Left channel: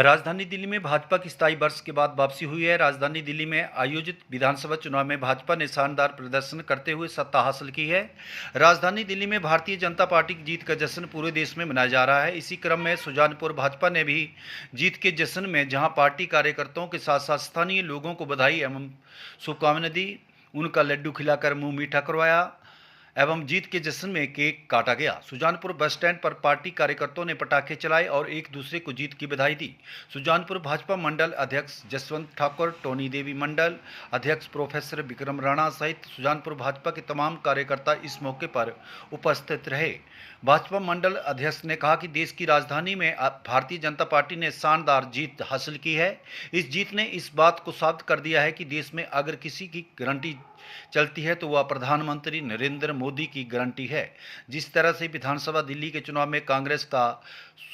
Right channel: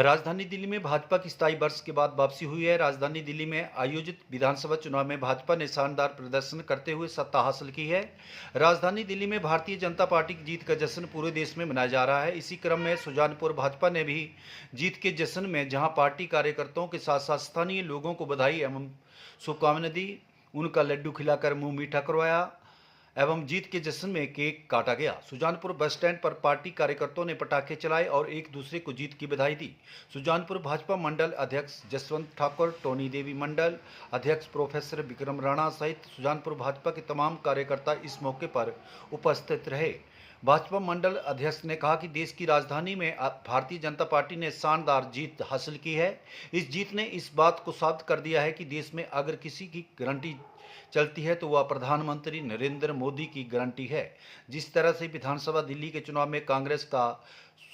राजधानी दिल्ली में भाजपा की 27 वर्ष के बाद वापसी हुई है। राजधानी दिल्ली में आयोजित विधानसभा चुनाव में भाजपा ने शानदार प्रदर्शन करते हुए सत्ता हासिल की है। राजधानी दिल्ली में भारतीय जनता पार्टी की जीत का जश्न पूरे देश में मनाया जा रहा है। इसी क्रम में सुजानपुर भाजपा ने भी जीत के जश्न में जहां पार्टी कार्यकर्ताओं के साथ साथ स्थानीय लोगों को बधाई एवं शुभकामनाएं दी, उनका लड्डू खिलाकर मुंह मीठा करवाया एवं जीत के जश्न में केक काटा गया। सुजानपुर बस स्टैंड पर पार्टी कार्यकर्ताओं ने पटाखे चलाए और एक दूसरे को जीत की बधाई दी। सुजानपुर भाजपा मंडल अध्यक्ष जसवंत ठाकुर, टोनी देवी मंडल अध्यक्ष प्रोफेसर विक्रम राणा सहित सुजानपुर भाजपा के तमाम कार्यकर्ता इस मौके पर उपस्थित रहे। भाजपा मंडल अध्यक्ष ने कहा कि देश की राजधानी में भारतीय जनता पार्टी ने शानदार जीत हासिल की है। इस जीत ने इस बात को साबित कर दिया है कि देश में अगर किसी की गारंटी चलती है तो वह प्रधानमंत्री नरेंद्र मोदी की गारंटी है। जिस तरह से विधानसभा दिल्ली के चुनाव में कांग्रेस का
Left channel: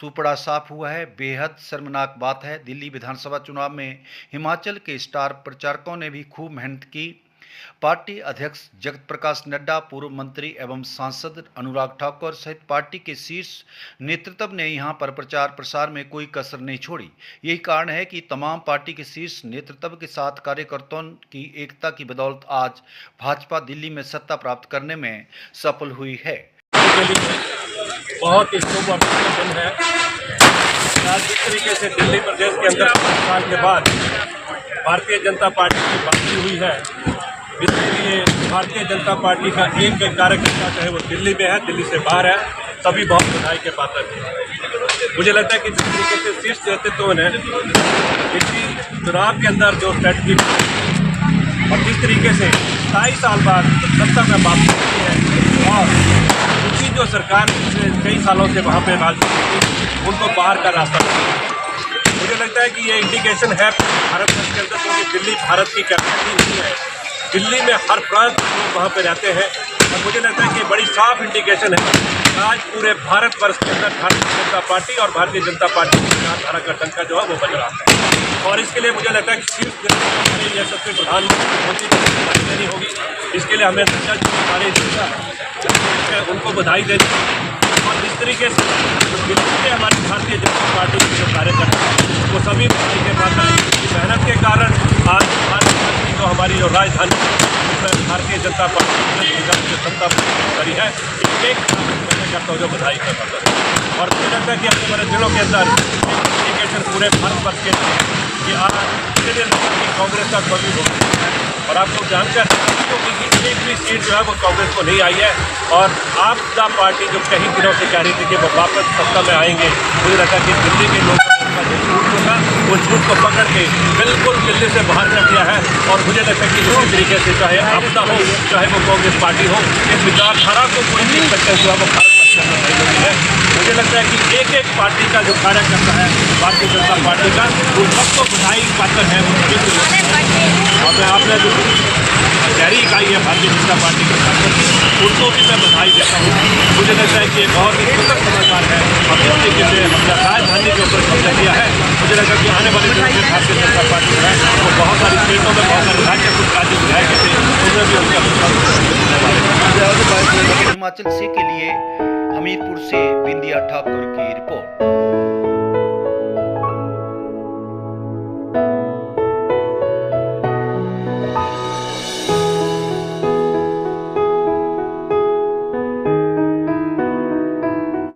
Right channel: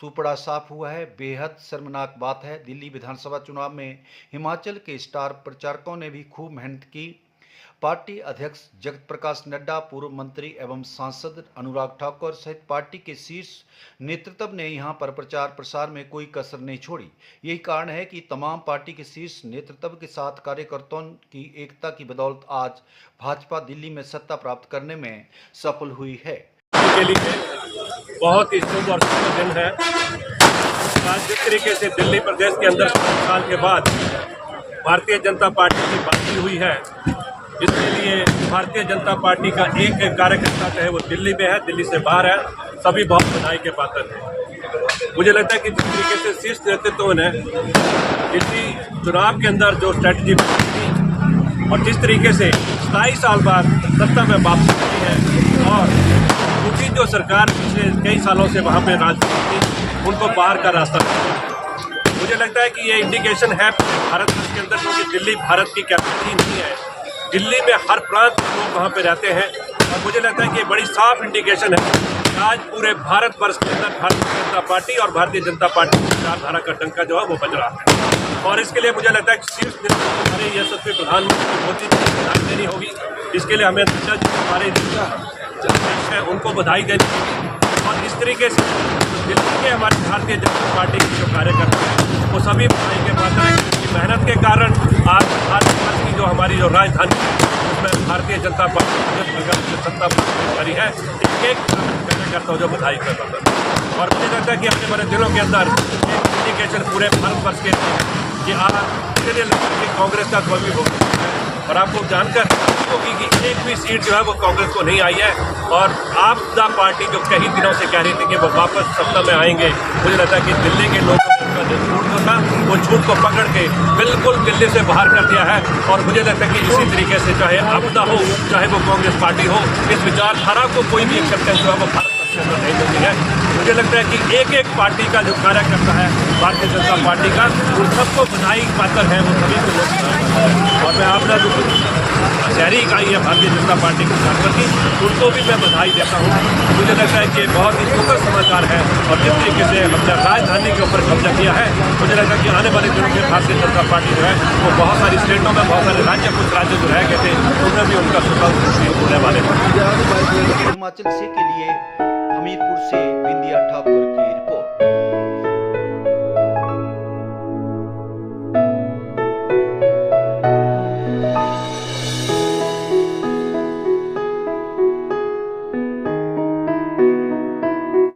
सुपड़ा साफ हुआ है, बेहद शर्मनाक बात है। दिल्ली विधानसभा चुनाव में हिमाचल के स्टार प्रचारकों ने भी खूब मेहनत की। पार्टी अध्यक्ष जगत प्रकाश नड्डा, पूर्व मंत्री एवं सांसद अनुराग ठाकुर सहित पार्टी के शीर्ष नेतृत्व ने यहां पर प्रचार प्रसार में कोई कसर नहीं छोड़ी। यही कारण है कि तमाम पार्टी के शीर्ष नेतृत्व के साथ कार्यकर्ताओं की एकता की बदौलत आज भाजपा दिल्ली में सत्ता प्राप्त करने में सफल हुई है। बहुत ही शुभ और सुखद दिन है। आज जिस तरीके से दिल्ली प्रदेश के अंदर 5 साल के बाद भारतीय जनता पार्टी की वापसी हुई है, इसके लिए भारतीय जनता पार्टी का एक एक कार्यकर्ता, चाहे वो दिल्ली में है, दिल्ली से बाहर है, सभी बहुत बधाई के पात्र हैं। मुझे लगता है कि जिस तरीके से शीर्ष नेतृत्व ने दिल्ली चुनाव के अंदर जो स्ट्रेटजी और जिस तरीके से 27 साल बाद सत्ता में वापसी की है और उनकी जो सरकार पिछले कई सालों से वहाँ पे राज उनको बाहर का रास्ता मिला। मुझे लगता है कि ये इंडिकेशन है भारतवर्ष के अंदर, क्योंकि दिल्ली भारत की कैपिटल नहीं है। दिल्ली में हर प्रांत के लोग वहाँ पे रहते हैं और मुझे लगता है कि बड़ी साफ इंडिकेशन है कि आज पूरे भारतवर्ष के अंदर भारतीय जनता पार्टी और भारतीय जनता पार्टी की विचारधारा का डंका जो है वो बज रहा है। और इसके लिए मुझे लगता है कि शीर्ष नेतृत्व हमारे यशस्वी प्रधानमंत्री मोदी जी को बधाई देनी होगी। इसके लिए हमें हमारे उनको बधाई देनी होगी। और इस तरीके से दिल्ली में हमारी भारतीय जनता पार्टी के जो कार्यकर्ता हैं वो सभी बधाई के पात्र हैं, क्योंकि मेहनत के कारण आज भारत की जो हमारी जो राजधानी उसमें भारतीय जनता पार्टी ने सत्ता करी है। एक मैंने करता हूँ जो बधाई का पात्र है। और मुझे लगता है कि आने वाले दिनों के अंदर इंडिकेशन पूरे भारतवर्ष के लिए कि आज इसके लिए लगता है कि कांग्रेस का कमी हो गई है। और आपको जानकर क्योंकि एक भी सीट जो है वो कांग्रेस को नहीं आई है और आपदा पार्टी जो कई दिनों से कह रही थी कि वो वापस सत्ता में आएंगे, मुझे लगता है कि दिल्ली के लोगों ने उनका जो झूठ जो था वो झूठ को पकड़ के बिल्कुल दिल्ली से बाहर कर दिया है। और मुझे लगता है कि इसी तरीके से चाहे आपदा हो चाहे वो कांग्रेस पार्टी हो, इस विचारधारा को कोई भी सकते जो है वो भारत के अंदर नहीं लगी है। मुझे लगता है कि एक एक पार्टी का जो कार्यकर्ता है भारतीय जनता पार्टी का, उन सबको बधाई पात्र है, वो सभी से लोग। और मैं आपने जो शहरी इकाई है भारतीय जनता पार्टी की सांसद की, उनको भी मैं बधाई देता हूँ। मुझे लगता है कि बहुत ही सुखद समाचार है और जिस तरीके से हमने राजधानी के ऊपर कब्जा किया है, मुझे लगता है कि आने वाले दिनों में भारतीय जनता पार्टी जो है वो बहुत सारी स्टेटों में, बहुत सारे राज्य, कुछ राज्य जो रह गए थे उनमें भी उनका स्वतंत्र होने वाले हैं। हिमाचल से के लिए हमीरपुर से बिंदिया ठाकुर की रिपोर्ट।